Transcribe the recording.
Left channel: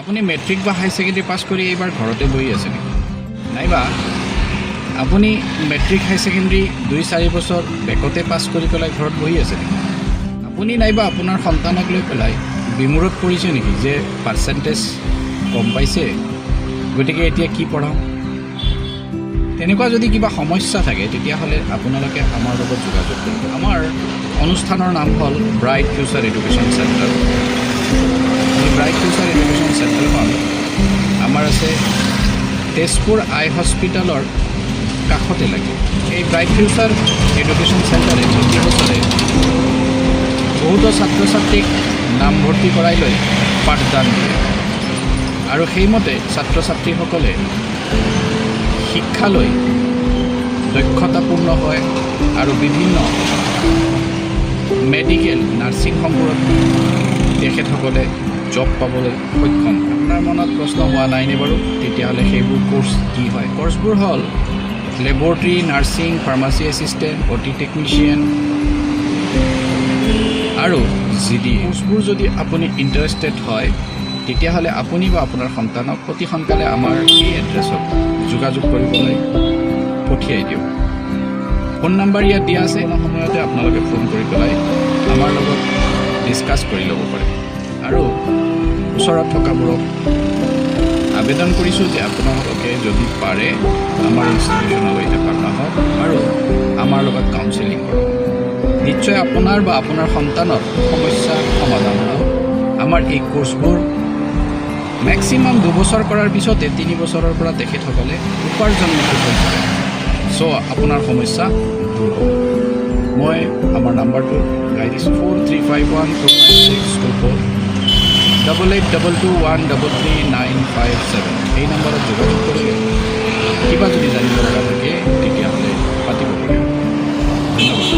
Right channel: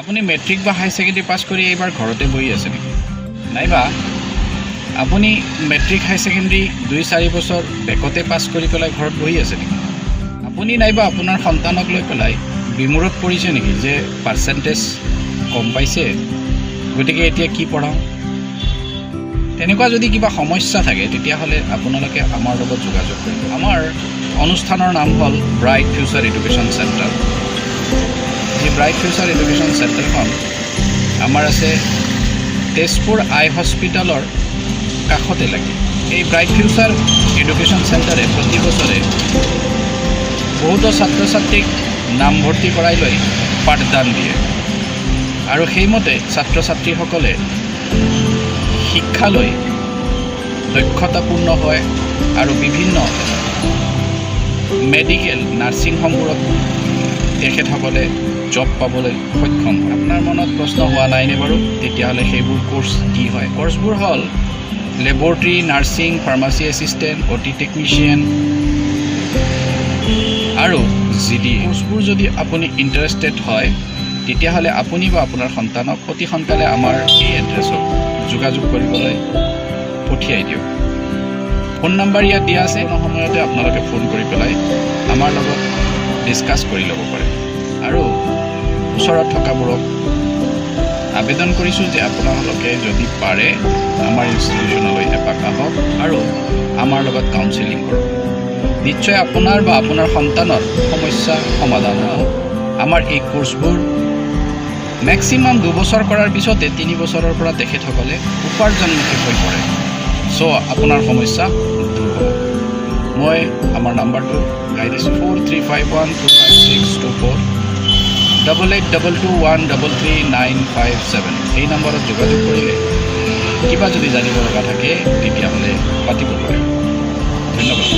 আপুনি মেট্ৰিক বা হাই secondary pass কৰি এইবাৰ ঘৰতে বহি আছে নেকি? নাইবা আপুনি মেট্ৰিক হাই ছেকেণ্ডেৰী 2-4 বছৰ বেকতে পাছ কৰি পেলাই ঘৰত বহি আছে নেকি? আপুনি নাইবা আপোনাৰ সন্তানক লৈ পেলাই বিমূৰত পৰিছে নেকি যে পাৰ্চেণ্টেজ কম পাইছে, গতিকে এতিয়া কি পঢ়াওঁ? তেনেকুৱা যদি কিবা সমস্যা থাকে তেতিয়াহ'লে আপোনালোকে আমাৰ লগত যোগাযোগ কৰিব। আমাৰ অনুষ্ঠানৰ নাম হ'ল ব্ৰাইট ফিউচাৰ এডুকেশ্যন চেণ্টাৰ। এই ব্ৰাইট ফিউচাৰ এডুকেশ্যন চেণ্টাৰখন আমাৰ আছে তেজপুৰ আই হস্পিটেলৰ কাষতে লাগে। এই ব্ৰাইট ফিউচাৰ এডুকেশ্যন চেণ্টাৰে প্ৰতি বছৰে বহুতো ছাত্ৰ ছাত্ৰীক নামভৰ্তি কৰাই লৈ পাঠদান দিয়ে আৰু সেইমতে ছাত্ৰ ছাত্ৰীসকলে শিক্ষা লৈ দক্ষতাপূৰ্ণ হয় আৰু বিভিন্ন মেডিকেল নাৰ্ছিং হোমবোৰত তেখেতসকলে জব পাবলৈ সক্ষম। আপোনাৰ মনত প্ৰশ্ন হোৱা নাইনে বাৰু? তেতিয়াহ'লে সেইবোৰ কোৰ্চ কি হয়? কোৰ্চবোৰ হ'ল laboratory, nursing, pharmacy assistant, OT technician আৰু GD। কোৰ্চবোৰ যদি আপুনি ইণ্টাৰেষ্টেড হয় তেতিয়াহ'লে আপুনি বা আপোনাৰ সন্তানক অতি সোনকালে আমাৰ এই এড্ৰেছত যোগাযোগ কৰিবলৈ পঠিয়াই দিয়ক। ফোন নম্বৰ ইয়াত দিয়া আছে। কোনো সময়তে আপোনালোকে ফোন কৰি পেলাই আমাৰ লগত ডিছকাছ কৰি ল'ব পাৰে। আৰু ওচৰত থকাবোৰক আবেদন কৰিছোঁ যে আপোনালোকে যদি পাৰে আমাৰ ইনষ্টিটিউশ্যনলৈ এপাক আহক আৰু আমাৰ লগত কাউন্সেলিং কৰক। নিশ্চয় আপোনাৰ বা আপোনাৰ সন্তানৰ সমস্যা সমাধান হ'ব। আমাৰ এই কোৰ্চবোৰ মেক্সিমাম 2 বছৰ কৰাৰ পিছতে 3 বছৰৰ পৰা তেখেতসকলে উপাৰ্জনমুখী হৈ পৰে। চ' আপোনাৰ সমস্যা দূৰ হ'ব। মই আমাৰ নাম্বাৰটো গাই দিছোঁ 43512562 8822133957। এই নম্বৰত যোগাযোগ কৰিলে কিবা যদি জানিব লগা থাকে তেতিয়াহ'লে পাতিব পাৰে। ধন্যবাদ।